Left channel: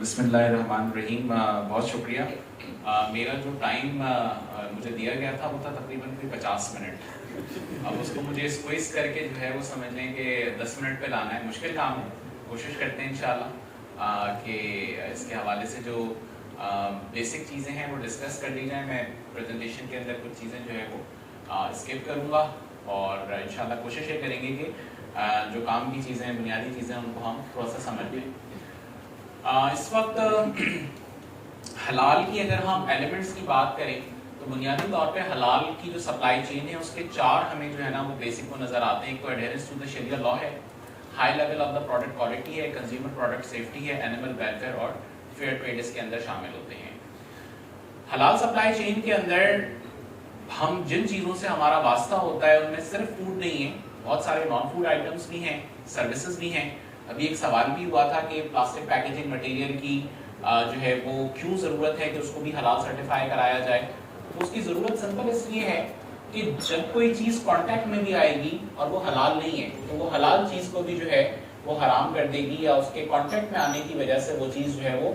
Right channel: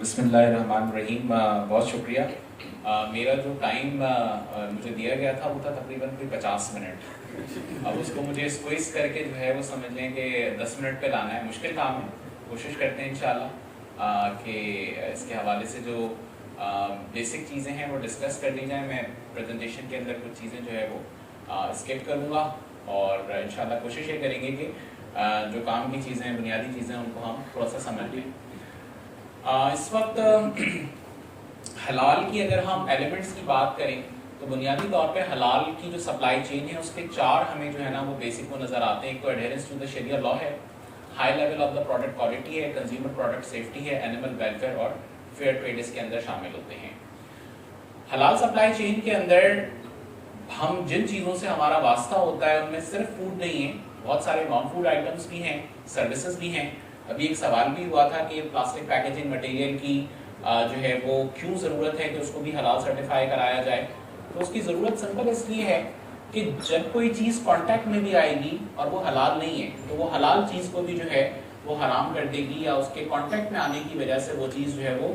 بسم اللہ الرحمن الرحیم. بہت شکریہ. میرا جو ٹائم مجھے دیا گیا تھا وہ تھا تقریباً 50 منٹ. اب اس کو مجھے اسکویز کر کے جو ہے وہ سمجھ لیں کہ 10 منٹ پہ لانا ہے. مشکل کام ہے, کوشش کرتے ہیں انشاءاللہ کہ اس کے حوالے سے جو بیسک چیزیں ہیں وہ ڈسکس کر لی جائیں. میں پریزنٹیشن کے اندر کچھ چیزیں جو ہے وہ اسکپ کروں گا اور انشاءاللہ کوشش یہ کریں گے کہ جو کام کی چیزیں ہیں, بنیادی چیزیں, ان کو ہم تھوڑا سا سمجھ لیں. اس وقت حلال کی اگر ہم ایلیمنٹس کی بات کریں تو بنیادی طور پہ حلال کی جو سپلائی چین ہے اس کے 4 ہمیں جو ہے نا وہ بیسک کو نظر آتے ہیں. ایک تو ایڈہرنس ٹو دا شریعہ لا ہے, high level of the product quality ہے, کنزیومر پروڈکٹ سیفٹی ہے, اینیمل ویلفیئر اور فیئر ٹریڈ اس کے اندر شامل ہوتے ہیں. حلال سپلائی چین کے اندر ہم جن چیزوں سے ہمارا واسطہ ہوتا ہے ان میں صرف فوڈ نہیں ہے, بہت سارے نان فوڈ آئٹمس بھی ہیں, سروسز بھی ہیں. ابھی ایک سوال بھی ہوا تھا کہ پلاسٹک پیکیجنگ مٹیریل کی جو ہے وہ کیوں ضرورت ہے کہ اس کو بھی حلال سرٹیفائی کرایا جائے. تو اس کی ضرورت سمپل اس لیے ہے کہ جب کوئی چیز کانٹیکٹ میں بھی آئے گی اور وہ حلال نہیں ہے تو وہ حلال چیز کو بھی جو ہے وہ حرام کر دے گی, یا اس کے کانٹیکٹ میں آنے کی وجہ سے وہ چیز جو ہے وہ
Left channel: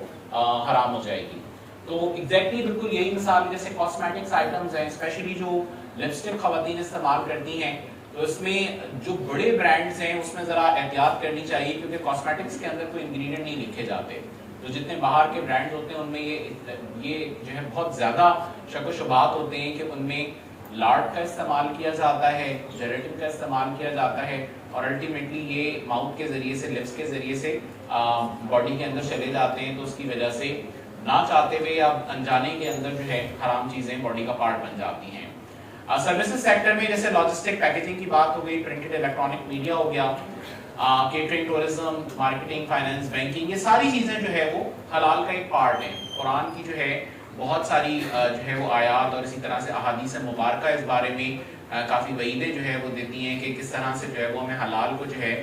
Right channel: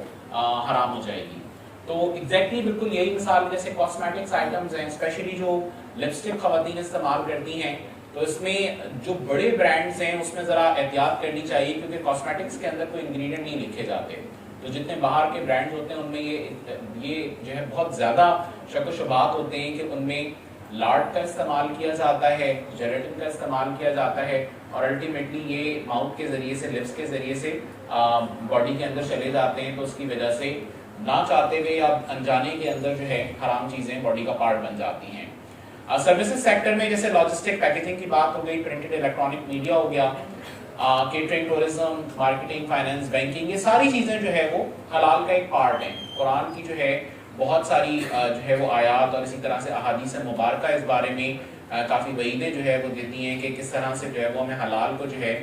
حرام ہو جائے گی. تو ایگزیکٹلی بالکل یہی مثال جیسے کاسمیٹکس آئٹمز ہیں, اسپیشلی جو لپسٹک خواتین استعمال کرتی ہیں, تو اس میں جو بڑے برانڈز ہیں اس میں ذرا احتیاط کرنی چاہیے کیونکہ کاسمیٹکس کے اندر کوئی انگریڈینٹ نہیں لکھے جاتے. تو جتنے باہر کے برانڈز ہوتے ہیں ان میں یہ جو ہے بہت زیادہ شک و شبہات ہوتے ہیں کہ ان میں لاڈ کا استعمال کیا جاتا ہے, جیلیٹن کا استعمال کیا جاتا ہے, اور الٹیمیٹلی یہ ماؤتھ کے ذریعے سے, لپس کے ذریعے سے باڈی کے اندر چلے جاتے ہیں. تو اس کی وجہ سے نہ چاہتے ہوئے یا انجانے کے اندر جو ہے حرام چیزیں باڈی کا پارٹ بن جاتی ہیں. سروسز سیکٹر میں جیسے لاجسٹک پیکیجنگ کی بات ہو گئی, پرنٹڈ الیکٹرانک میڈیا ہو گیا, catering, tourism, marketing, finance, banking, یہ ساری چیزیں جو ہے وہ حلال کا ایک پارٹ ہیں. قرآن کی جو ہے بہت ساری جو ہے وہ آیات اور اسی طرح سے احادیث مبارکہ اس بارے میں کافی وعیدیں جو ہے وہ دیتی ہیں کہ کس طرح سے جو ہے وہ ہمیں حلال کو جو ہے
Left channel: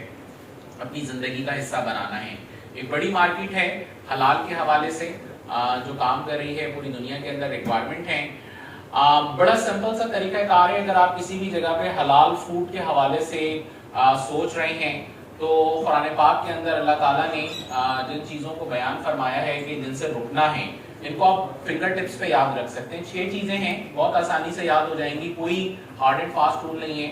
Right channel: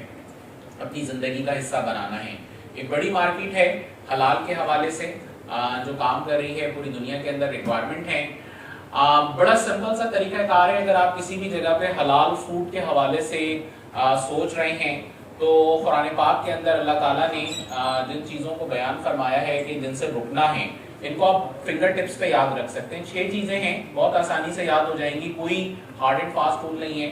اپنی زندگی کا حصہ بنانا ہے. ایک بڑی مارکیٹ ہے حلال کے حوالے سے جو کام کر رہی ہے, پوری دنیا کے اندر ریکوائرمنٹ ہے. بڑا سمپل سا طریقہ کار ہے. اگر آپ کسی بھی جگہ پہ حلال فوڈ کے حوالے سے سوچ رہے ہیں تو قرآن پاک کے اندر اللہ تعالیٰ نے جن چیزوں کو بیان فرمایا ہے کہ جن سے رکنا ہے, ان کو آپ فنگر ٹپس پہ یاد رکھ سکتے ہیں. 6 چیزیں ہیں, بہت آسانی سے یاد ہو جائیں گی, کوئی ہارڈ اینڈ فاسٹ رول نہیں ہے.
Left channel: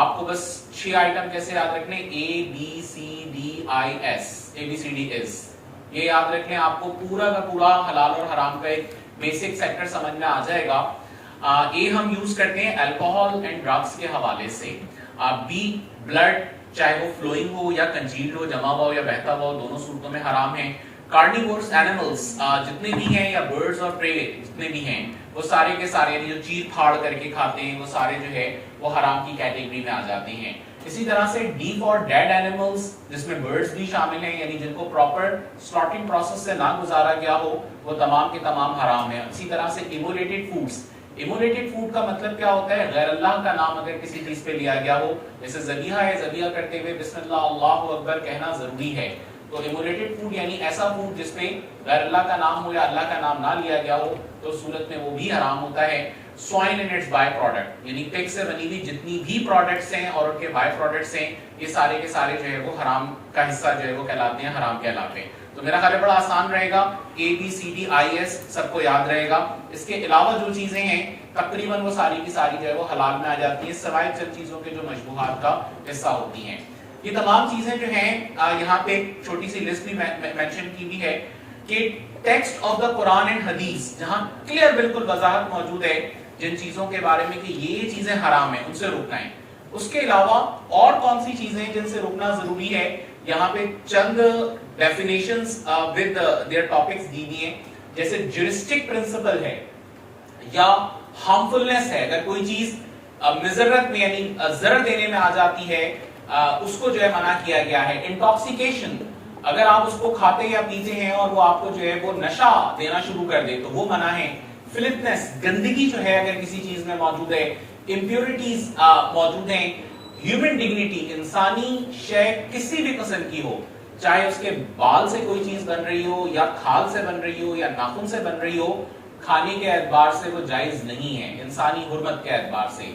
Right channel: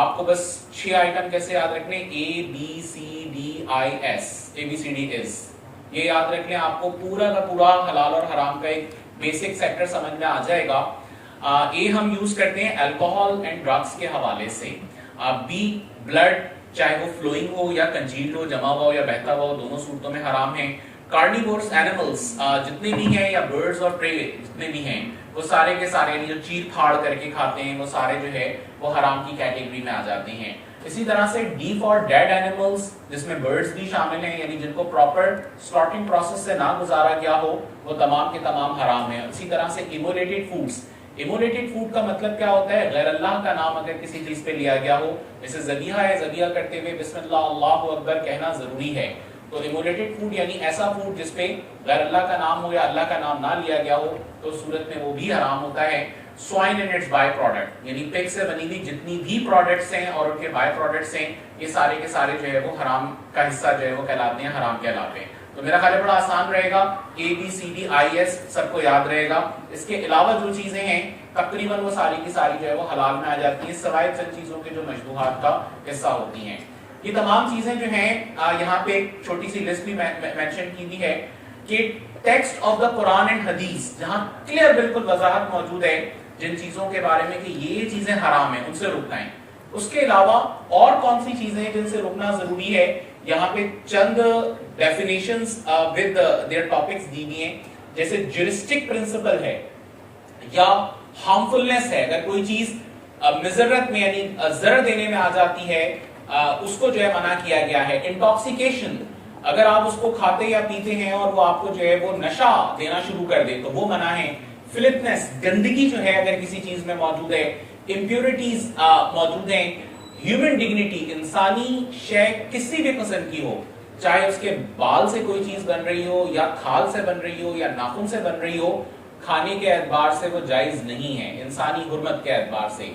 آپ کو بس 6 آئٹم کیسے یاد رکھنے, ABCDIS, یہ یاد رکھیں. آپ کو پورا کا پورا حلال اور حرام کا ایک بیسک سیکٹر سمجھ میں آ جائے گا. اے ہم یوز کرتے ہیں الکوہول اینڈ ڈرگس کے حوالے سے. بی بلڈ, چاہے وہ فلوئنگ ہو یا کنجیلڈ ہو, جمع ہوا ہو یا بہتا ہوا ہو, دونوں صورتوں میں حرام ہے. کارنیورس اینیملز جتنے بھی ہیں, یا برڈز اور پرے جتنے بھی ہیں, وہ سارے کے سارے جو چیر پھاڑ کر کے کھاتے ہیں وہ سارے جو ہے وہ حرام کی کیٹیگری میں آ جاتے ہیں. اسی طرح سے ڈی فار ڈیڈ اینیملز, جس میں برڈز بھی شامل ہیں, یعنی جن کو پراپر سلاٹرنگ پروسیس سے نہ گزارا گیا ہو, وہ تمام کے تمام حرام ہیں. اسی طرح سے ایمولیٹڈ فوڈز, ایمولیٹڈ فوڈ کا مطلب کیا ہوتا ہے, غیر اللہ کا نام اگر کسی چیز پہ لیا گیا ہو, جیسے ذبیحہ ہے, ذبیحہ کرتے ہوئے بسم اللہ اللہ اکبر کہنا ضروری ہے. تو ایمولیٹڈ فوڈ یعنی ایسا فوڈ جس پہ غیر اللہ کا نام ہو یا اللہ کا نام نہ لیا گیا ہو, تو اس صورت میں وہ بھی حرام ہوتا ہے. Swine and its by product, یعنی پگ سے بنی ہوئی جتنی بھی پروڈکٹس ہیں اور ان کے بائی پروڈکٹس ہیں, یہ سارے کے سارے جو ہے وہ حرام کا حصہ جو ہے وہ کہلاتے ہیں, حرام کہلاتے ہیں. تو میرا خیال ہے بڑا آسان رہے گا, ABCDIS سب کو یاد رہے گا. اس کے علاوہ جو چیزیں ہیں تقریباً وہ ساری کی ساری جو ہے وہ حلال میں آ جاتی ہیں, سوائے چند چیزوں کے جو مشبوہات کا حصہ ہوتی ہیں. یہ تمام چیزیں جو ہیں یہاں پہ ایک چھوٹی سی لسٹ بھی مینشن کی بھی ہے کہ text of the Quran and حدیث, جہاں کلیئر بالکل وضاحت موجود ہے جن چیزوں کے بارے میں کہ یہ چیزیں حرام ہیں, ان سے رکنا ہے. اس کے علاوہ اور کون سی چیزیں جن سے رکنا ضروری ہے, یہاں پہ چند ڈیفینیشنز ود دیئر ٹاپکس دی گئی ہیں. جیسے جورسٹک پرنسپل ہے یا ہارمفلنس ہے, اگر کوئی چیز مضرت میں یعنی ضرر دینے میں آ جاتی ہے اس کو جو ہے منع کیا گیا ہے. انٹاکسیکیشن, اگر آپ اس کو کھاتے یا پیتے ہیں اور وہ آپ کو جو ہے وہ نشہ دینا شروع کر دے تو وہ منع ہے. فلپنس, گندگی جو ہے اگر کسی چیز میں موجود ہے. امپیورٹیز موجود ہیں. ہیومن ڈگنیٹی, انسانی شے کسی بھی قسم کی ہو, چاہے اس کے بال سے کوئی چیز بن رہی ہو یا کھال سے بن رہی ہو یا ناخن سے بن رہی ہو, کھانے کے اعتبار سے وہ جائز نہیں ہے, انسانی حرمت کے اعتبار سے.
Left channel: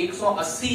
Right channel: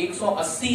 180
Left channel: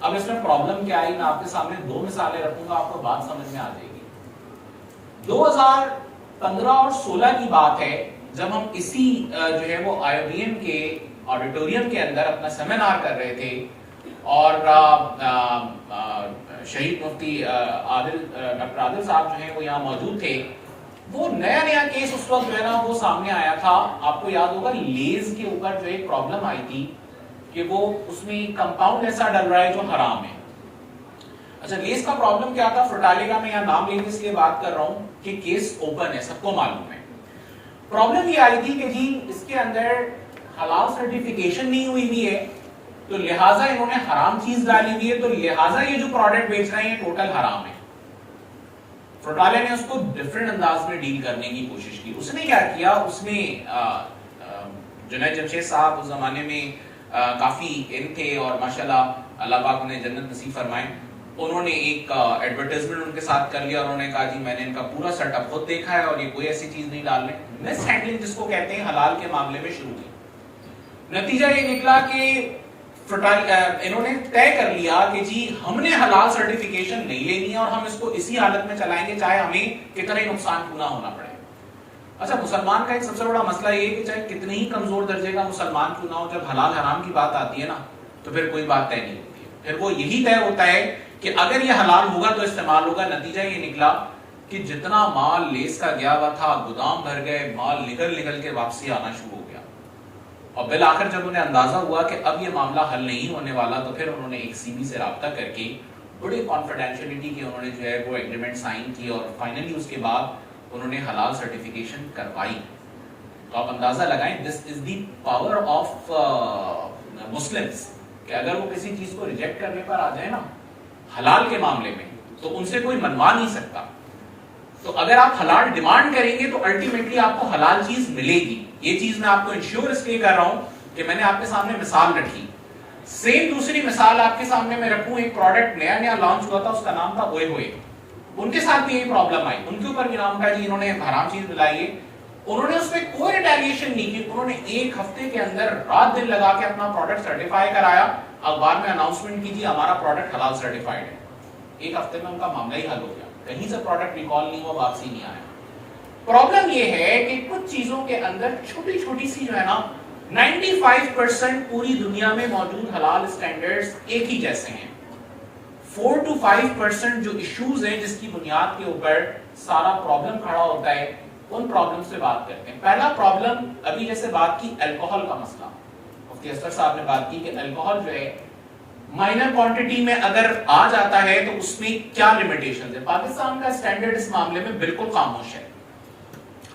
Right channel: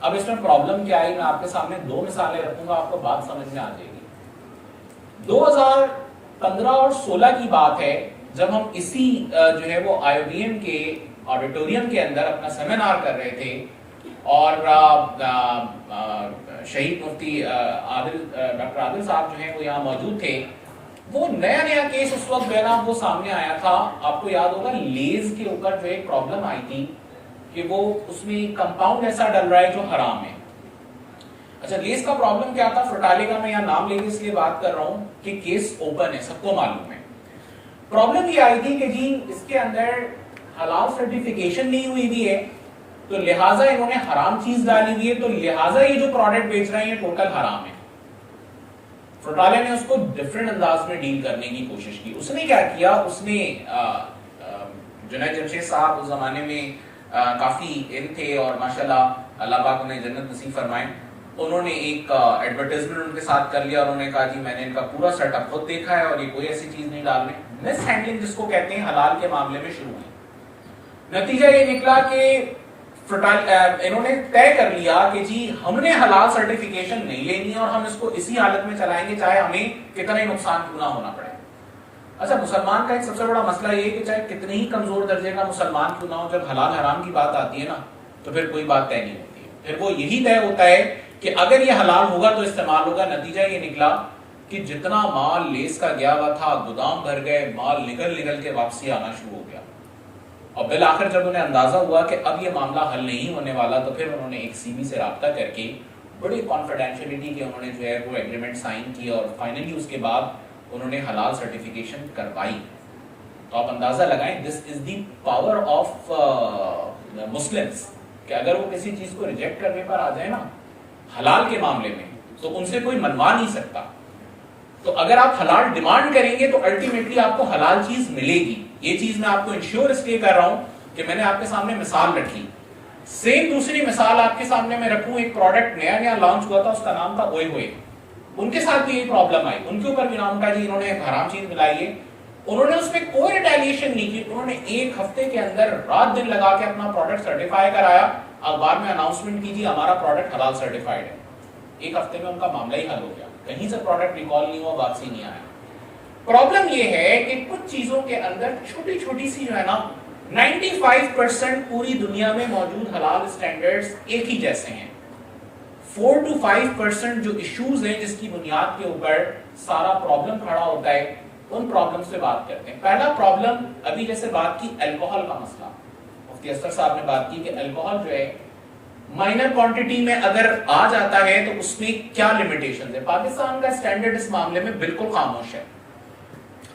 اب اس میں پرابلم کیا ہے، میں آپ کے سامنے 2 مثالیں رکھوں گا، آپ کو بات سمجھ میں آ جائے گی. 2015 اور 16 کی بات ہے جب ہم اسی جو ہے وہ IIBM کے آڈیٹوریم کے اندر اپنا سیمینار کر رہے تھے اور شہید مفتی ڈاکٹر عادل صاحب جو ہیں وہ یہاں موجود تھے. وہ نیا کیس اس وقت جو ہے نا وہ سامنے آیا تھا. آپ کو یاد ہوگا لیز کے اوپر جو ایک پرابلم آئی تھی کہ وہ اس میں کمپاؤنڈ ایسا ڈل رہا ہے جو حرام ہے. اچھا لیز کا پرابلم کیا تھا؟ فرٹالے کا میں یہاں نام لے کے اس لیے بات کر رہا ہوں کہ کیس اوپن ہے، سب کو معلوم ہے. پرابلم یہ آئی تھی کہ جی اس کے اندر حلال سرٹیفیکیشن نہیں ہوئی بھی ہے تو لہٰذا انہوں نے حرام چیز ڈالی ہوئی ہے، تو لہٰذا یہ جو پروڈکٹ بیچ رہے ہیں ٹوٹل حرام ہے. فرٹالے نے اس کو ڈفرنٹ انداز میں ڈیل کرنے کی کوشش کی. اس نے کیا کیا، اس نے جنید جمشید صاحب اس زمانے میں کافی علم تھے اور ماشاءاللہ اللہ پاک نے جنت نصیب فرمائے. انہوں نے ایک ایڈورٹائزمنٹ ان کے ساتھ کر لیا. انہوں نے کہا جی میں نے ان کا پورا سیٹ اپ خود دیکھا ہے اور یہ کوئی ایسی چیز نہیں ڈالنے. مس ہینڈلنگ جس کو کہتے ہیں حلال کے معاملے میں شروع کی. نتیجہ یہ نکلا کہ انہوں نے طے کر لیا کہ جی ہم نے حلال سرٹیفیکیشن نہیں لینی اور ہم اس کو اسی حالت میں چلائیں گے چاہے ہمیں کتنا ہی نقصان کیوں نہ ہونا پڑے. اچھا مسلمان کا ایک سب سے بڑا مسئلہ یہ ہے کہ چاہے کتنے ہی کمزور درجے کا مسلمان کیوں نہ ہو، جب حلال حرام کی بات آتی ہے نا تو پھر کوئی بات طے نہیں ہوتی. پھر وہ یہی طے ہوتا ہے کہ اگر یہ حلال ہوگا تو استعمال ہوگا. نتیجہ یہ نکلا کہ جتنا مال لیس کا گیا ہوا تھا گودام بھر گئے، مال نکل کے واپسی آنا شروع ہو گیا. اور بالآخر جب انہیں اندازہ ہوا کہ اب یہ معاملہ حل نہیں ہونے والا تو پھر انہوں نے ایک CB سے رابطہ کر کے بڑی کانفیڈینشیلٹی کی انہوں نے جو ہے وہ ایگریمنٹ سائن کی اور فائنلی اس کے بعد انہوں نے حلال سرٹیفیکیشن کروائی. تو آپ اندازہ لگائیں دس از دی پاور آف مسلمس کہ اگر وہ کسی چیز کو ریجیکٹ کرنے پر آ جائے نا حلال کے معاملے میں تو ان سے کوئی منوا نہیں سکتا. تو اگر آپ حلال ڈیمانڈ کریں گے تو الٹیمیٹلی آپ کو حلال چیز ملے گی. یہ چیز میں آپ کو انشور اس لیے کر رہا ہوں کہ میں نے آپ کے سامنے مثال رکھی. سیم دوسری مثال آپ کے سامنے میں رکھوں، ایک پروڈکٹ نیا لانچ ہوا تھا، اس کا نام تھا اوئے ہوئے. ان کے ساتھ بھی یہ پرابلم آئی، ان کے اوپر بھی نام اٹھا جی انہوں نے حرام چیز ملائی ہے. انہوں نے اس میں کوئی ریٹیلیشن نہیں کی. انہوں نے ایک ہفتے کے اندر رات دن لگا کے اپنا پروڈکٹ سرٹیفائی کرایا. اخبار میں اناؤنسمنٹ کی جی ہمارا پروڈکٹ حلال سرٹیفائڈ ہے. ایک ہفتے میں ان کا معاملہ ہی حل ہو گیا. کہیں سے پروڈکٹ ریکال نہیں ہوا، واپسی نہیں آیا. پرابلم یہ ہے کہ کچھ چیزوں کے اندر چھوٹی چھوٹی سی جو ہے نا 95% پوری دنیا میں موجود حلال اسٹینڈرڈز ایک ہی جیسے ہیں. 4 to 5% جو ایشوز ہیں جس کی بنیاد کے اوپر سارا پرابلم کھڑا ہوتا ہے ان پرابلم سے بات کرتے ہیں. پہلا پرابلم ابھی جیسے بات کی الکوہل کا مسئلہ، مفتی اسد صاحب نے بات کی کہ الکوہل جو ہے مائنر کوانٹٹی میں اگر آ جاتا ہے تو اس میں کیا لیمیٹیشنز ہے. پاکستان کا اسٹینڈرڈ اس معاملے میں بالکل خاموش ہے.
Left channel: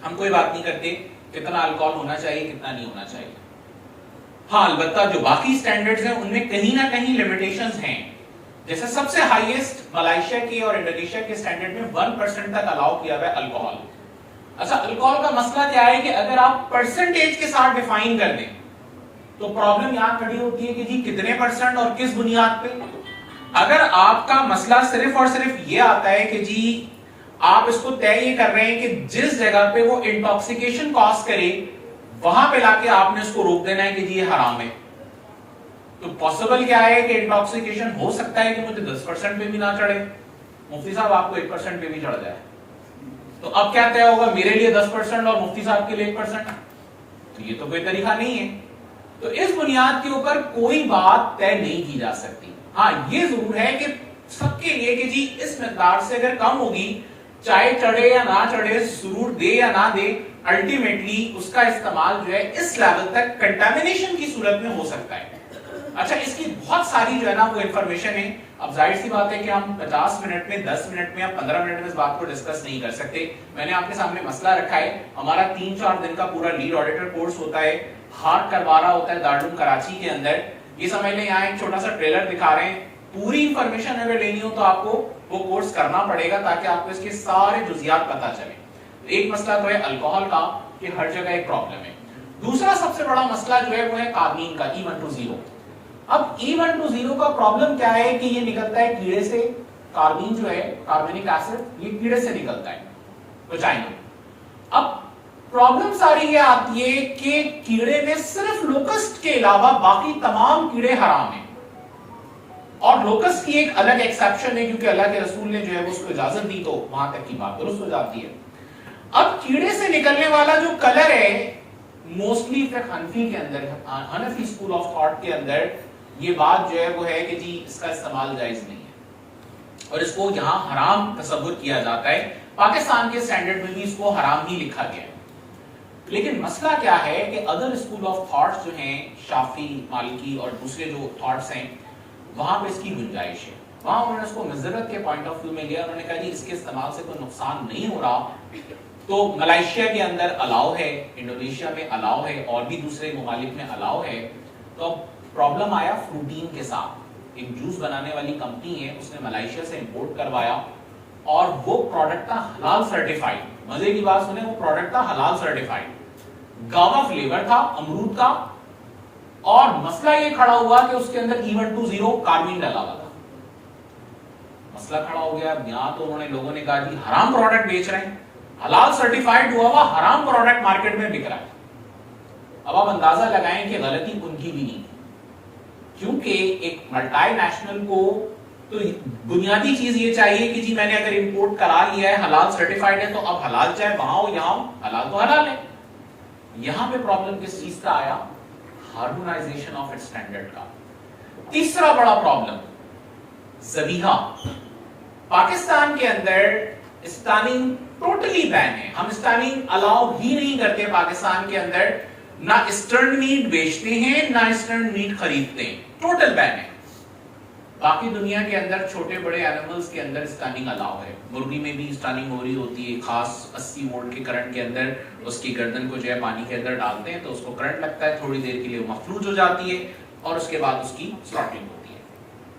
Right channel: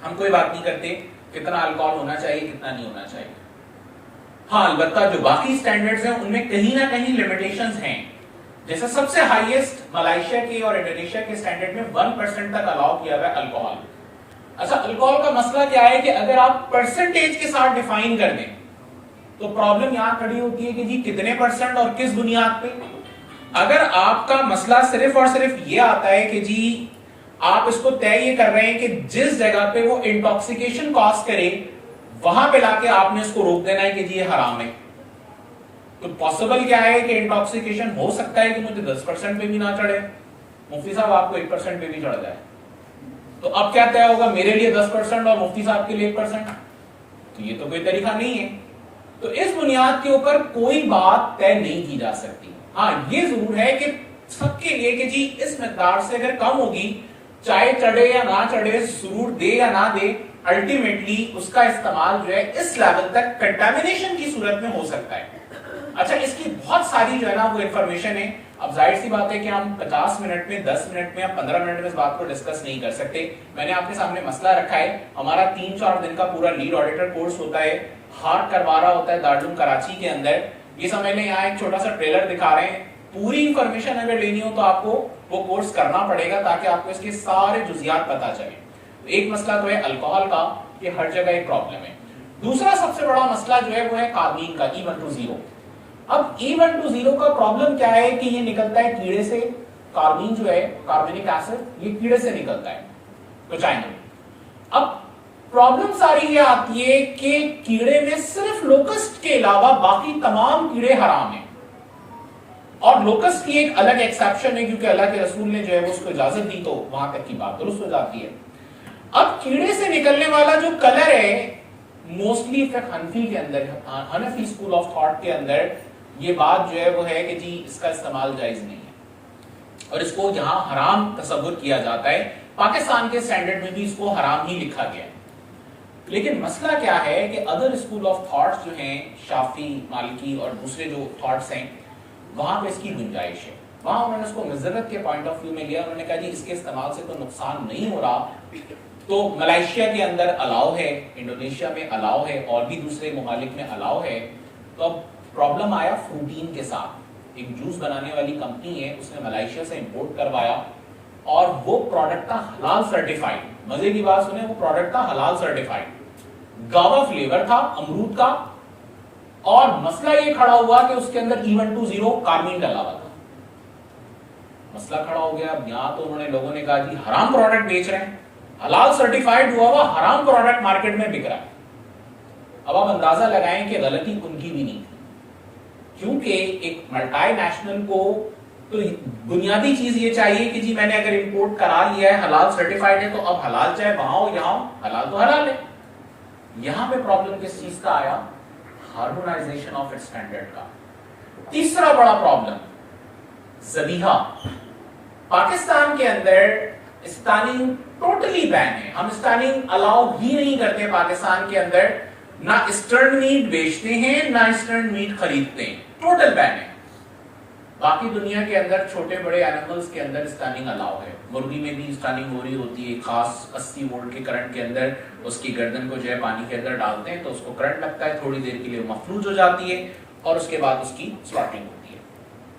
ہم کوئی بات نہیں کرتے کتنا الکوہل ہونا چاہیے کتنا نہیں ہونا چاہیے. ہاں البتہ جو باقی اسٹینڈرڈز ہیں ان میں کہیں نہ کہیں لیمیٹیشنز ہیں. جیسے سب سے ہائیسٹ ملائیشیا کے اور انڈونیشیا کے اسٹینڈرڈ میں 1% تک الاؤ کیا ہوا ہے الکوہل. اچھا الکوہل کا مسئلہ کیا ہے کہ اگر آپ پرسنٹیج کے ساتھ ڈیفائن کر دیں تو پرابلم یہاں کھڑی ہوتی ہے کہ جی کتنے پرسنٹ اور کس بنیاد پہ. اگر آپ کا مسئلہ صرف اور صرف یہ آتا ہے کہ جی آپ اس کو طے یہ کر رہے ہیں کہ جس جگہ پہ وہ انٹاکسیکیشن کاز کرے وہاں پہ لا کے آپ نے اس کو روک دینا ہے کہ جی یہ حرام ہے، تو پاسبل کیا ہے کہ انٹاکسیکیشن ہو سکتا ہے کہ مجھے 10% پہ بھی نہ چڑھے، مفتی صاحب آپ کو 1% پہ بھی چڑھ جائے. تو اب کیا طے ہوگا؟ میرے لیے 10% اور مفتی صاحب کے لیے 1%. تو یہ تو کوئی طریقہ نہیں ہے. تو اس بنیاد کے اوپر کوئی بات طے نہیں کی جا سکتی. ہاں یہ ضرور ہے کہ سب کے لیے کہ جی اس مقدار سے اگر کم ہوگی چاہے چڑھے یا نہ چڑھے، سروٹ دے یا نہ دے، الٹیمیٹلی اس کا استعمال جو ہے اس لیول تک کنٹامینیشن کی صورت میں ہو سکتا ہے. اچھا اس کی بہت ساری جو ہے نا وہ انفارمیشن ہے. اب ظاہر سی بات ہے کہ ہم 50 منٹ میں 10 منٹ میں 15 منٹ میں اس بات کو ڈسکس نہیں کر سکتے. میں نے آپ کے سامنے مسئلہ رکھا ہے. ہمارا 3-4 دن کا پورا لیڈ آڈیٹر کورس ہوتا ہے، ہارٹ کروا رہا ہوتا ہے دارالعلوم کراچی کے اندر. یہ سمجھ لیں یہاں ایک چھوٹا سا ٹریلر دکھا رہے ہیں. پوری انفارمیشن اگر لینی ہو تو آپ کو وہ کورس کرنا پڑے گا تاکہ آپ کو اس کے سارے جزیات پتہ چلے. ایک مسئلہ تو ہے الکوہل کا کہ ہر جگہ ایک پرابلم ہے. دوسرا سب سے بڑا مسئلہ جو ہے وہ ہے کاربین کا، E120. اب E120 کا پرابلم کیا ہے کہ یہ نکلتا ہے کیڑے سے. کاربین جو ہے کاربونک ایسڈ یہ کیڑے سے نکلتا ہے ویجائنا. اب پرابلم ساری یہ آتی ہے کہ کیڑے میں صرف لوکسٹ کے علاوہ باقی تمام کیڑے حرام ہیں اور لوکس کی ایک الگ ایکسیپشن ہے کیونکہ اللہ کے رسول نے جو ہے وہ اس کو اجازت دی تو وہاں تک کی بات درست ہو جاتی ہے. اب کیڑے سے نکلنے والا جو کلر ہے موسٹلی حنفی کے اندر حنفی اسکول آف تھاٹ کے اندر یہ بات جو ہے وہ ہے کہ جی اس کا استعمال جائز نہیں ہے اور اس کو یہاں حرام تصور کیا جاتا ہے. پاکستان کے سٹینڈرڈ میں بھی اس کو حرام ہی لکھا گیا ہے. لیکن مسئلہ کیا ہے کہ ادر اسکول آف تھاٹس جو ہیں شافعی مالکی اور دوسرے جو تھاٹس ہیں وہاں پہ اس کی گنجائش ہے. وہاں انہوں نے اس کو مضرت کے پوائنٹ آف ویو میں لیا. انہوں نے کہا جی اس کے استعمال سے کوئی نقصان نہیں ہو رہا. تو ملائیشیا کے اندر الاؤ ہے, انڈونیشیا میں الاؤ ہے, اور بھی دوسرے ممالک میں الاؤ ہے. تو اب پرابلم آیا فروٹین کے ساتھ. ایک جوس بنانے والی کمپنی ہے, اس نے ملائیشیا سے امپورٹ کروایا اور وہ پروڈکٹ تھا حلال سرٹیفائیڈ. مزے کی بات سنیں, وہ پروڈکٹ تھا حلال سرٹیفائیڈ, گاوا فلیور تھا امرود کا, اور مسئلہ یہ کھڑا ہوا کہ اس کے اندر E120 کاربین ڈالا ہوا تھا. مسئلہ کھڑا ہو گیا. یہاں تو انہوں نے لوگوں نے کہا جی حرام پروڈکٹ بیچ رہے ہیں, حلال سرٹیفائیڈ ہوا ہوا حرام پروڈکٹ مارکیٹ میں بک رہا ہے. اب آپ اندازہ لگائیں کہ غلطی ان کی بھی نہیں تھی, کیونکہ ایک ملٹی نیشنل کو تو بنیادی چیز یہ چاہیے کہ جی میں نے اگر امپورٹ کرا لیا ہے حلال سرٹیفائیڈ ہے تو اب حلال چاہے وہاں ہو یہاں ہو, حلال تو حلال ہے. یہاں پہ پرابلم کس چیز کا آیا؟ ہارمونائزیشن آف اسٹینڈرڈ کا. تیسرا بڑا پرابلم ذبیحہ. پاکستان کے اندر اسٹاننگ ٹوٹلی بین ہے. ہم اسٹاننگ الاؤ ہی نہیں کرتے پاکستان کے اندر. نہ اسٹرن میٹ بیچتے ہیں نہ اسٹرن میٹ خریدتے ہیں, ٹوٹل بین ہے. باقی دنیا کے اندر چھوٹے بڑے اینیملز کے اندر اسٹاننگ الاؤ ہے. مرغی میں بھی اسٹاننگ ہو رہی ہوتی ہے, خاص 80 وولٹ کے کرنٹ کے اندر اس کی گردن کو جو ہے پانی کے اندر ڈالتے ہیں تو اس کو کرنٹ لگتا ہے, تھوڑی دیر کے لیے مفلوج ہو جاتی ہے اور اس کے بعد اس کی سلاٹنگ ہوتی ہے.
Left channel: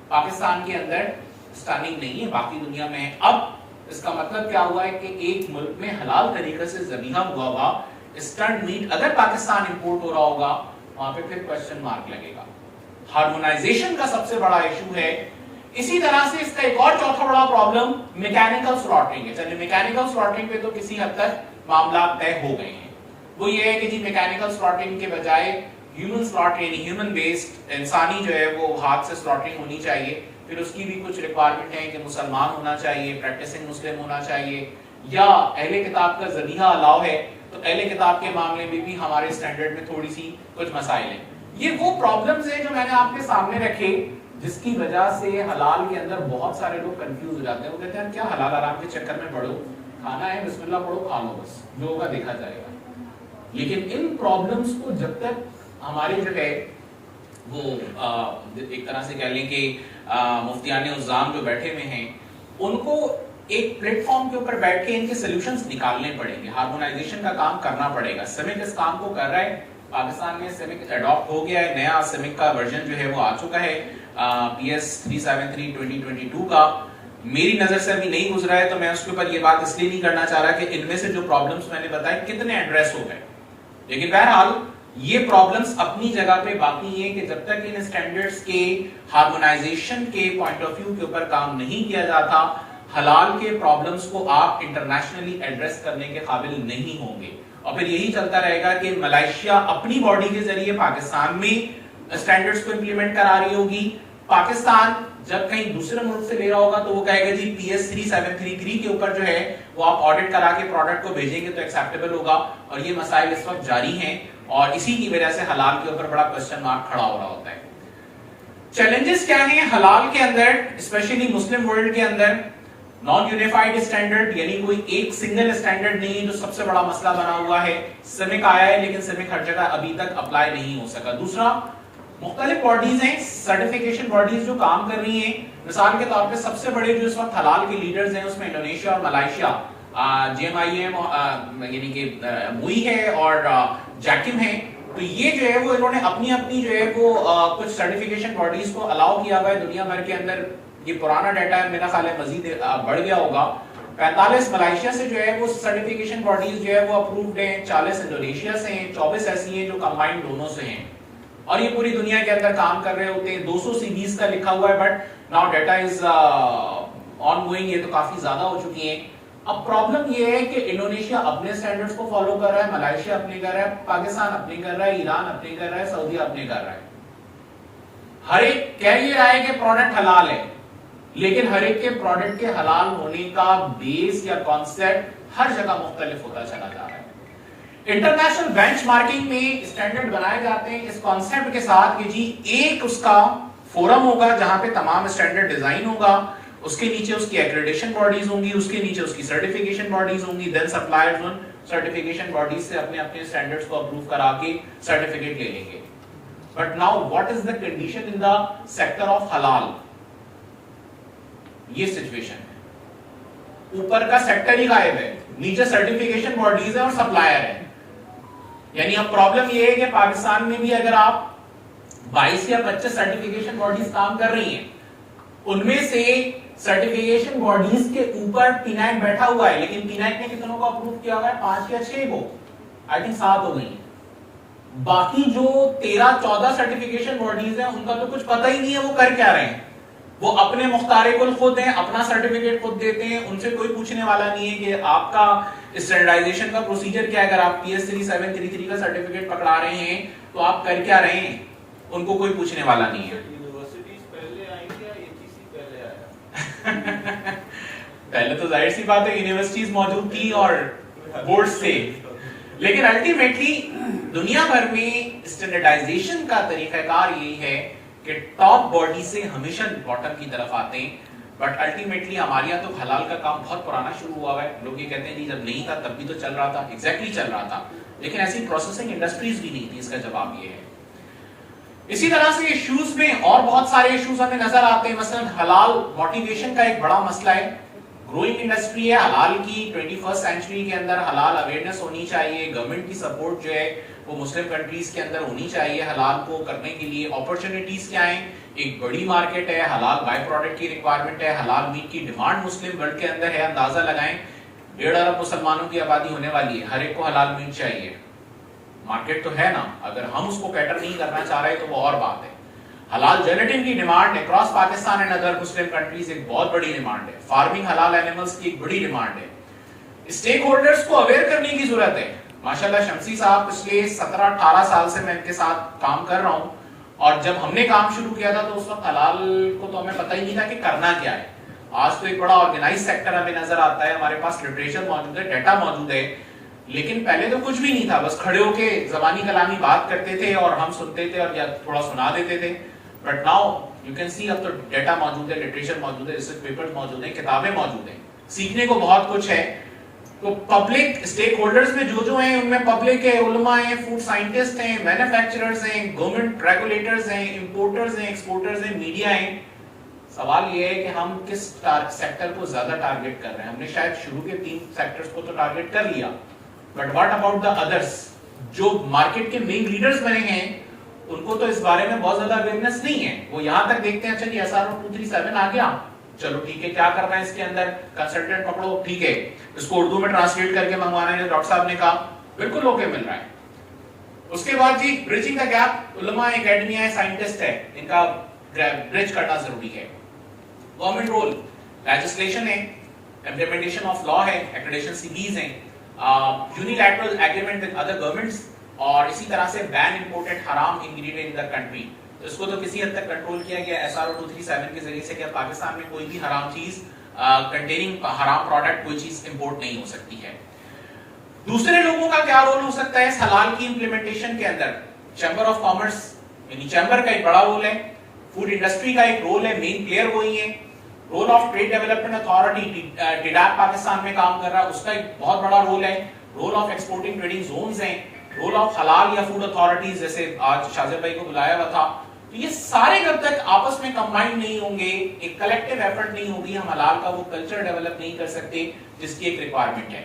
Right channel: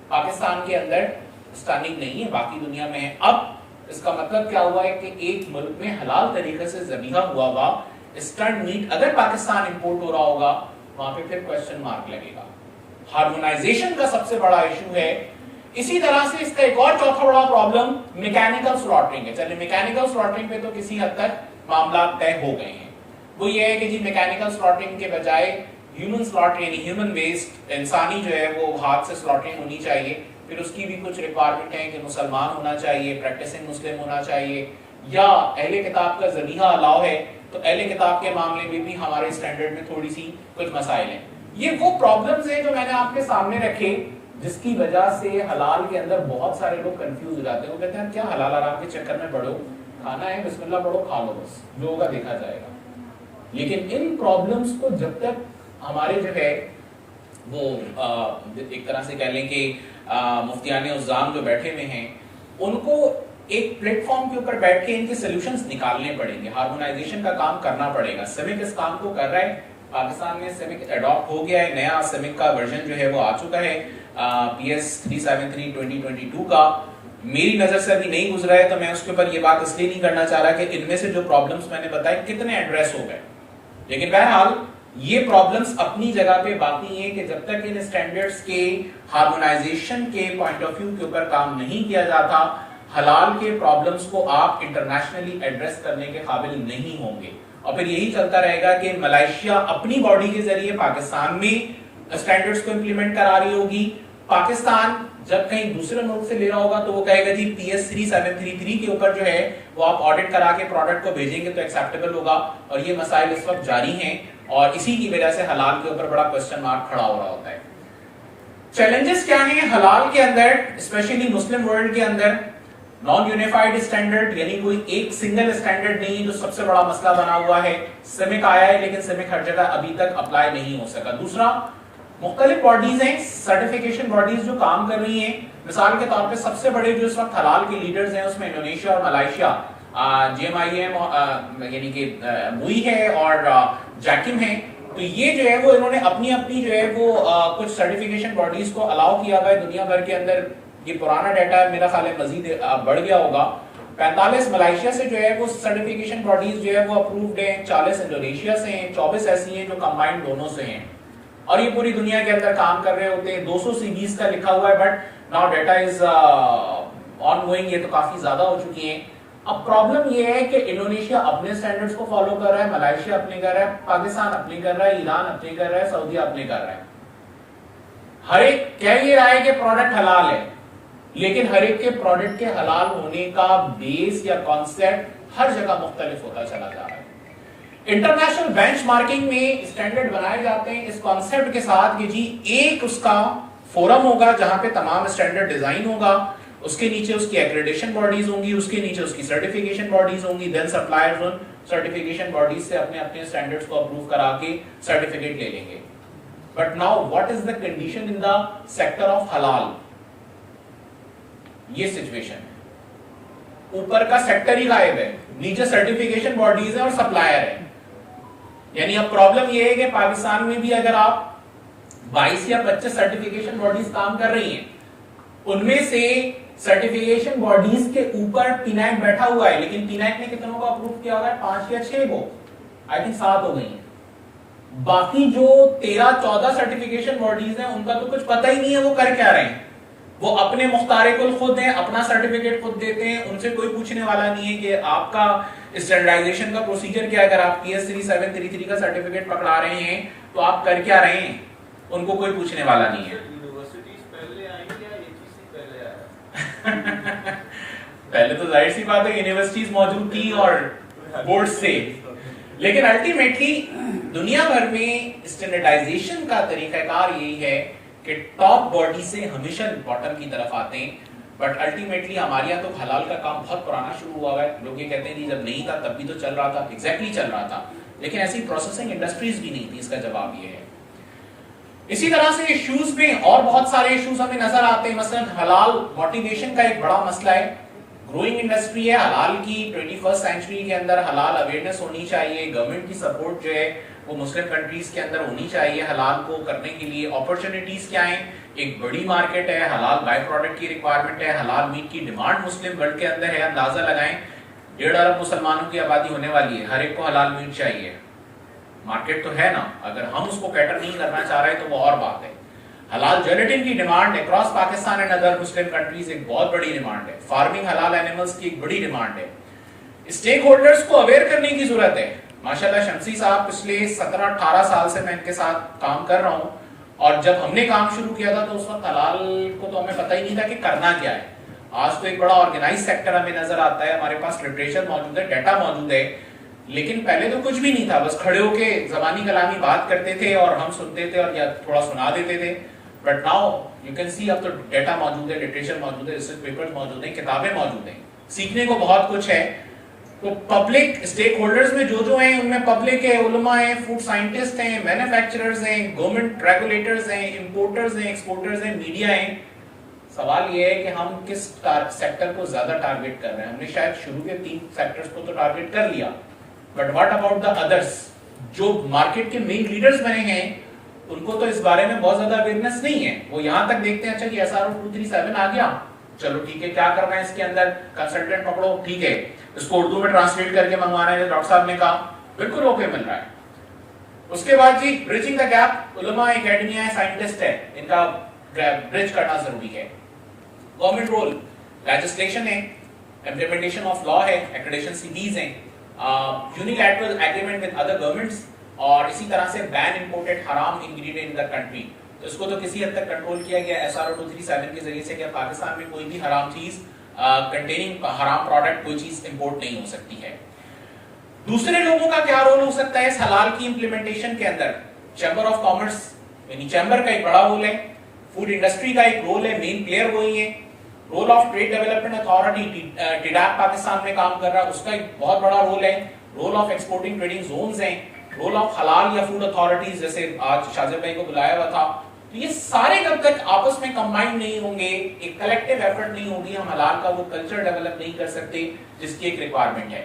پاکستان کے اندر اسٹاننگ نہیں ہے, باقی دنیا میں. اب اس کا مطلب کیا ہوا ہے کہ ایک ملک میں حلال طریقے سے ذبیحہ ہوا ہوا اسٹرن میٹ اگر پاکستان امپورٹ ہو رہا ہوگا وہاں پہ پھر کوسچن مارک لگے گا. ہارمونائزیشن کا سب سے بڑا ایشو ہے. اسی طرح سے اس کا ایک اور چوتھا بڑا پرابلم میکینیکل سلاٹرنگ ہے. چلیے میکینیکل سلاٹرنگ پہ تو کسی حد تک معاملات طے ہو گئے ہیں. وہ یہ ہے کہ جی میکینیکل سلاٹرنگ کے بجائے ہیومن سلاٹر یعنی ہیومن ویسٹ انسانی جو ہے وہ ہاتھ سے سلاٹرنگ ہونی چاہیے. پھر اس کی بھی کچھ ریکوائرمنٹ ہے کہ مسلمان ہونا چاہیے, پریکٹسنگ مسلم ہونا چاہیے, یا اہل کتاب کا ذبیحہ الاؤ ہے تو اہل کتاب کے معاملے میں بھی ہمارے اسٹینڈرڈ میں تھوڑی سی کچھ مسائل ہیں. یہ وہ پرابلمز ہیں جو میں نے آپ کے سامنے رکھے جس کی وجہ سے حلال کے اندر بہت سارے لوگ کنفیوز ہو جاتے ہیں. وہ کہتے ہیں کیا حلال حرام کے چکر میں پڑھو, کھانا ہے بسم اللہ پڑھو کھا لو, بس لوگوں کا دیکھا جائے گا. لیکن ان پرابلمز کو جب تک ہمارے جو ہے وہ ایک طرح سے کہہ لیں کہ مفتیان عظام جو بیٹھے ہوئے ہیں ان کو ایک پلیٹ فارم کے اوپر بیٹھ کے ان کے سولوشنز نکالنے پڑیں گے. ہارمونائزیشن کا کام کرنا پڑے گا. سیمک اس کام کو کر رہا ہے. پاکستان میں سیمک اڈاپٹ ہو گیا ہے, نیا سیمک کا ورژن جو ہے وہ آ چکا ہے PS 373 2022 کا. میری نظر سے ابھی نہیں گزرا ہے تو میں اس کے اوپر یہ بات اس لیے نہیں کرنا چاہ رہا کہ ان میں سے جو پرابلمز میں نے بتائے کتنے ایڈریس ہو گئے. لیکن بہرحال یہ پرابلمز اپنی جگہ پہ باقی ہیں کہ جب تک ان اسٹینڈرڈز کے ہارمونائزیشن کے پوائنٹ آف ویو کے اوپر کام نہیں کیا جاتا حلال کے پرابلمز کو آپ انٹرنیشنلی ایڈریس کرنے کے قابل نہیں ہوں گے. اور پھر یہی چلتا رہے گا کہ ملائیشیا اپنی باڈی کے ذریعے پاکستان میں اسٹینڈرڈز کو امپلیمنٹ کرا رہی ہوگی. پاکستان جب کہیں دوسرے ملک سے لے رہا ہوگا تو وہ کہے گا جی PS 3733 کے اوپر جو ہے وہ آپ آڈٹ کرا کے پروڈکٹ کو بھیجیں گے تو ایکسیپٹیبل ہوگا. اور یہ مسائل اس وقت جاری ہیں اور اسی کی وجہ سے حلال کے اوپر بڑا کوسچن مارک کھڑا ہو رہا ہوتا ہے. چیلنجز کیا ہیں حلال کے اندر, اسپیشلی مسلم ورلڈ کے اندر؟ نان یونیفائڈ اسٹینڈرڈ یعنی کوئی ایک سنگل اسٹینڈرڈ نہیں ہے جو سب سے بڑا مسئلہ بنا ہوا ہے. سیمک آیا ہے لیکن سیمک ہر جگہ ابھی تک اپلائی نہیں ہو سکا. دوسرا مختلف باڈیز ہیں, سرٹیفیکیشن باڈیز جو کام کر رہی ہیں. مثال کے طور پہ سب سے بڑے جو اس وقت حلال کے لیڈرز ہیں اس میں انڈونیشیا اور ملائیشیا, JMIM یعنی کہ موئی ہے اور جیکم ہے. تو یہ جو ہے وہ انہوں نے اپنی جو ہے وہ کچھ سرٹیفیکیشن باڈیز کو الاؤ کیا ہوا ہے دنیا بھر کے اندر. یہ پرانا ڈیٹا ہے, میرا خیال ہے مزید بڑھ گیا ہوگا. 45 ملائیشیا سے جو ہے وہ سرٹیفیکیشن باڈیز جو ہے وہ اپرووڈ ہیں, 40 انڈونیشیا سے ہیں, 24 ایسی ہیں جو کمبائنڈ دونوں سے ہیں. اور یہ پوری دنیا کے اندر کام کر رہے ہوتے ہیں. 200 CBs کا لکھا ہوا ہے but now data is on going, یہ تو کافی زیادہ ہو چکی ہیں. اب پرابلم یہ ہے کہ انڈونیشیا اپنے سٹینڈرڈز کو فالو کر رہا ہے, ملائیشیا اپنے کر رہا ہے, پاکستان اپنے کر رہا ہے, ایران اپنے کر رہا ہے, سعودیہ اپنے کر رہا ہے. ہر ایک کہہ یہ رہا ہے کہ پروڈکٹ حلال ہے، لیکن ہر ایک کے پروڈکٹ کے حلال ہونے کا بیس یا کانسیپٹ ہر جگہ مختلف ہوتا چلا جا رہا ہے. انٹرنیشنل بینچ مارکنگ میں اسٹینڈرڈ بنائے جاتے ہیں اس کانسیپٹ کے ساتھ کہ جی ایک اس کا فورم ہوگا جہاں پہ تمام اسٹینڈرڈ ڈیزائن ہوگا، اس کے نیچے اس کی ایکریڈیشن باڈیز ہوں گی، اس کے نیچے اس کی سرٹیفیکیشن باڈیز ہوں گی، دین سپلائرز ان سرٹیفیکیشن باڈیز سے اپنے اپنے اسٹینڈرڈز کو اپروو کرا کے سرٹیفکیٹ لے لیں گے. But now what is the condition in the sector of حلال؟ یہ سچویشن ہے، اوپر کا سیکٹر ہی غائب ہے، نیچے سرٹیفیکیشن باڈیز ہیں اور سپلائر ہے. یعنی اب پرابلم یہ ہے کہ پاکستان میں بھی اگر آپ 22 یا 25 سرٹیفیکیشن باڈیز کام کر رہی ہیں، ان میں سے سرٹیفیکیشن باڈیز کے اوپر ٹینیک بیٹھا ہوا ہے، لیکن ٹینیک نے کتنوں کو اپروو کیا ہوا ہے؟ 5 یا 6 کو، آئی تھنک 7 ہو گئی ہیں. باقی جو 13-14 سرٹیفیکیشن باڈیز ہیں ان کا تو کچھ پتہ ہی نہیں ہے وہ کر کیا رہے ہیں. وہ اپنے مختار کل خود ہیں، اپنا سرٹیفکیٹ خود دیتے ہیں، ان سے کوئی پوچھنے والا نہیں ہے کہ آپ کا اسٹینڈرڈائزیشن کا پروسیجر کیا ہے. اگر آپ PS 3733 کا سرٹیفکیٹ پکڑا رہے ہیں تو آپ کر کیا رہے ہیں، ان کو کوئی پوچھنے والا نہیں ہے. یونیورسٹیز پہلے آئیں یا AGC پہلے آیا؟ پہلے تو ظاہر سی بات ہے یونیورسٹیز موجود تھی اور بورڈ سے، لیکن الٹیمیٹلی دنیا بھر میں اسٹینڈرڈائزیشن کا طریقہ کار یہی ہے کہ ٹاپ باڈی سے ہمیشہ باٹم کی طرف آتے ہیں. بٹ الٹیمیٹلی ہمارے یہاں تو حلال کا کام بہت پرانا شروع ہوا ہے. لوگ یہ کہتے ہیں کہ جب نہیں تھا تب بھی تو چل رہا تھا، ایگزیکٹلی چل رہا تھا، لیکن ایسی پروسیسنگ انڈسٹریز بھی نہیں تھی. اس کا جواب یہ ہے. اسی طرح سے ایشوز میں اور بہت سارے ایشوز ہمیں نظر آتے ہیں. مثلا حلال موٹیویشن کا ایک بڑا مسئلہ ہے. گروئنگ انڈسٹری ہے حلال کی. 21 سینچری کے اندر حلال اویئرنس ہونی چاہیے. گورنمنٹ کی سپورٹ جو ہے وہ مسلم کنٹریز کے اندر ہونی چاہیے حلال کو کرنے کے لیے. اپرچونٹیز کیا ہیں؟ ایک بڑی مارکیٹ ہے، حلال بائی پروڈکٹ کی ریکوائرمنٹ ہے، حلال میٹ کی ڈیمانڈ مسلم ورلڈ کے اندر ہے. اندازہ لگائیں 1.5 ارب مسلمانوں کی آبادی ہونے والی ہے، ہر ایک کو حلال میٹ چاہیے. مارکیٹ تو ہے نا، اگر ہم اس کو کیٹر نہیں کرنا چاہ رہے تو وہ اور بات ہے. حلال جیلیٹن کی demand across Pakistan and other Muslim countries ایک بہت بڑی ڈیمانڈ ہے. فارمنگ حلال اینیملز کی ایک بڑی ڈیمانڈ ہے. اسٹیک ہولڈرز کو اویئر کرنے کی ضرورت ہے. ماشاءاللہ شمسی صاحب پچھلے 17-18 سال سے میں ان کے ساتھ کام کر رہا ہوں، اور جب ہم نے کام شروع کیا تھا تو اس وقت حلال کو تو ہمیں پتہ ہی نہیں تھا کہ کرنا کیا ہے. آج تو ایک بڑا آرگنائز سیکٹر ہمیں نظر آتا ہے، ہمارے پاس لٹریچر موجود ہے، ڈیٹا موجود ہے. لیکن پہلے تو کچھ بھی نہیں تھا، بس کھڑے ہو کے زبانی کلامی بات کرتے تھے اور ہم سنتے تھے اور یا تھوڑا سنا دیتے تھے. But now you can see اب تو ڈیٹا موجود ہے، لٹریچر موجود ہے، ریسرچ پیپرز موجود ہیں، کتابیں موجود ہیں، سیکھنے کو بہت کچھ ہے. تو پبلک اسٹیک ہولڈرز میں جو ہیں ان میں پبلک ہے، علماء ہیں، فوڈ سائنٹسٹ ہیں، مینوفیکچررز ہیں، گورنمنٹ ریگولیٹرز ہیں، امپورٹرز ہیں، ایکسپورٹرز ہیں، میڈیا ہیں. سوال یہ ہے کہ ہم کس سیکٹر کو زیادہ ٹارگٹ کر رہے ہیں. ہم نے شاید شروع کے 3 سیکٹرز کو تو ٹارگٹ کر لیا، بٹ واٹ اباؤٹ دا ادرس؟ جو مارکیٹ کے مین لیڈرز بنے ہیں ان کو تو اس بارے میں بہت زیادہ اویئرنس نہیں ہے. وہ یہاں تک دیکھتے ہیں اچھا کہ SRO 237 آ گیا، چلو ٹھیک ہے، کیا کر رہے ہیں اس کے اندر، کنسلٹنٹ پکڑو، ٹھیک ہے، اس کو اردو میں ٹرانسلیٹ کر کے منگوانا ہے. ڈاکٹر صاحب نے کہا بالکل اوکے مل رہا ہے. اس کے بعد جی برجنگ دا گیپ، علماء، اکیڈمیا ہے، سائنٹسٹ ہے، ان کا برج کرنا ضروری ہے. گورنمنٹ رول، لیجسلیشن ہے، امپلیمنٹیشن آف لا ہے، ایکریڈیشن سیریز ہیں، unilateral agreement with other governments, اور اسی طرح سے بین امپورٹڈ حرام انگریڈینٹ ان دا کنٹری. اس کو تو کسی حد تک کنٹرول کیا گیا SRO 237 کے ذریعے سے کہ پاکستان میں کوئی بھی حرام چیز کنٹیننگ حرام پروڈکٹ کوئی چیز امپورٹ نہیں ہو سکتی ہے. دوسرے لوگوں کا کیا رول ہو سکتا ہے اس حلال کی امپلیمنٹیشن کے اندر؟ چیمبر آف کامرس، یعنی چیمبر کا ایک بڑا رول ہے. فوڈ انڈسٹری کا ایک رول ہے، مین پلیئر وہی ہے. Role of trade development authority ٹیڈاک پاکستان میں کام کر رہا ہے، اس کا ایک بہت بڑا رول ہے. Role of exporting trading zones ہیں. رول آف حلال یا فوڈ اتھارٹیز، جیسے آج شاہزیب بھائی کو بلایا ہوا تھا. یہ سارے جب تک آپس میں کمبائنڈ نہیں ہوں گے، ایک کلیکٹیو ایفرٹ نہیں ہوگی، ہم حلال کا وہ کلچر ڈیولپ نہیں کر سکتے جس کی ایک ریکوائرمنٹ ہے.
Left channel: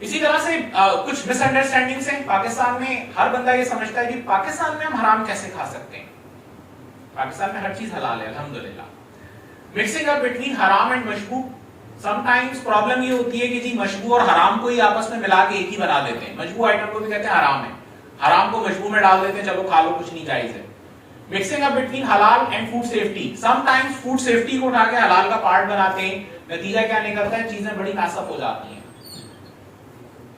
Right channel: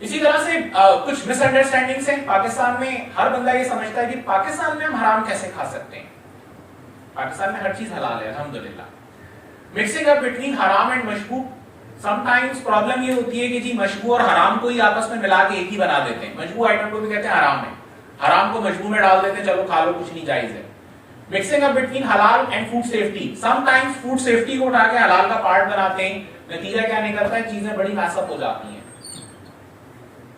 اسی طرح سے کچھ مس انڈرسٹینڈنگز ہیں. پاکستان میں ہر بندہ یہ سمجھتا ہے کہ پاکستان میں ہم حرام کیسے کھا سکتے ہیں. پاکستان میں ہر چیز حلال ہے الحمدللہ. مکسنگ اپ بٹوین حرام اینڈ مشبوہ. سم ٹائمز پرابلم یہ ہوتی ہے کہ جی مشبوہ اور حرام کو ہی آپس میں ملا کے ایک ہی بنا دیتے ہیں. مشبوہ آئٹم کو بھی کہتے ہیں حرام ہے، حرام کو مشبوہ میں ڈال دیتے ہیں، چلو کھا لو، کچھ نہیں، جائز ہے. مکسنگ اپ بٹوین حلال and food safety. Some times food safety کو اٹھا کے حلال کا پارٹ بناتے ہیں. نتیجہ کیا نکلتا ہے؟ چیزیں بڑی میس اپ ہو جاتی ہیں.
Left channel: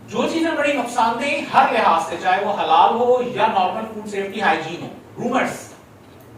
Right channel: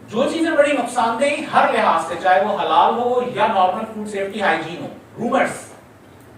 جو چیزیں بڑی نقصان دہ ہر لحاظ سے، چاہے وہ حلال ہو یا normal food safety hygiene who, rumours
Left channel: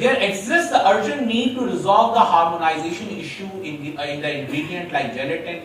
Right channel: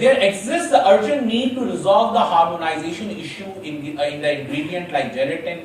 there exists the urgent need to resolve the harmonization issue in the ingredient like gelatin,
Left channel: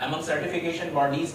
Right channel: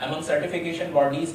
among certification bodies,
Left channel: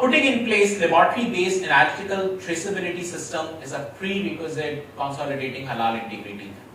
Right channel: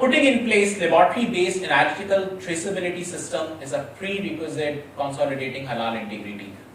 Putting in place laboratory-based analytical traceability system is a prerequisite consolidating halal integrity.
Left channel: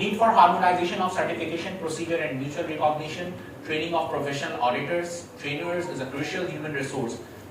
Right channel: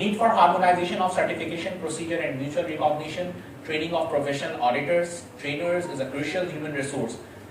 Need for harmonization of certification procedure and mutual recognition, training of professional auditors, trainers is a crucial human resource.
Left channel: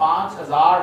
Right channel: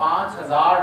5000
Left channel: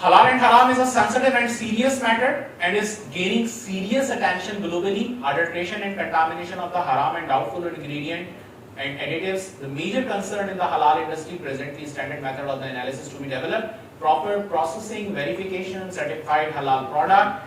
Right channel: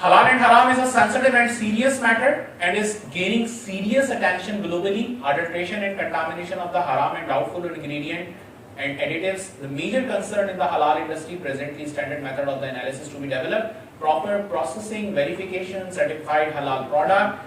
Halal and haram is a sensitive and serious matter and is gaining serious attention globally. Adulteration and contamination of the haram and doubtful ingredient and additives. The major concern in the halal industry presently standard method of the analysis to be developed. Proper processing, verification, certified halal product,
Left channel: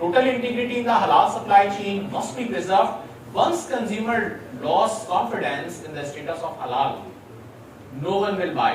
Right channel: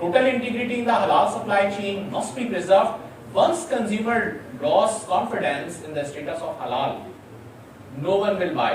Total integrity in the halal supply chain must be preserved. Once consumer lost confidence in the status of halal, no one will buy.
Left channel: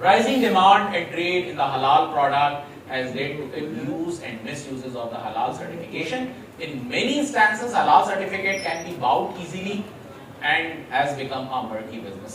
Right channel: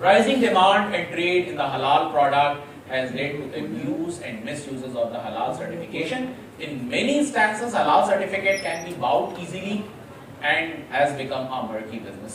Rising demand and trade in the halal product has led to abuse and misuses of the halal certification. In many instances, halal certificate can be bought easily and has become a murky business.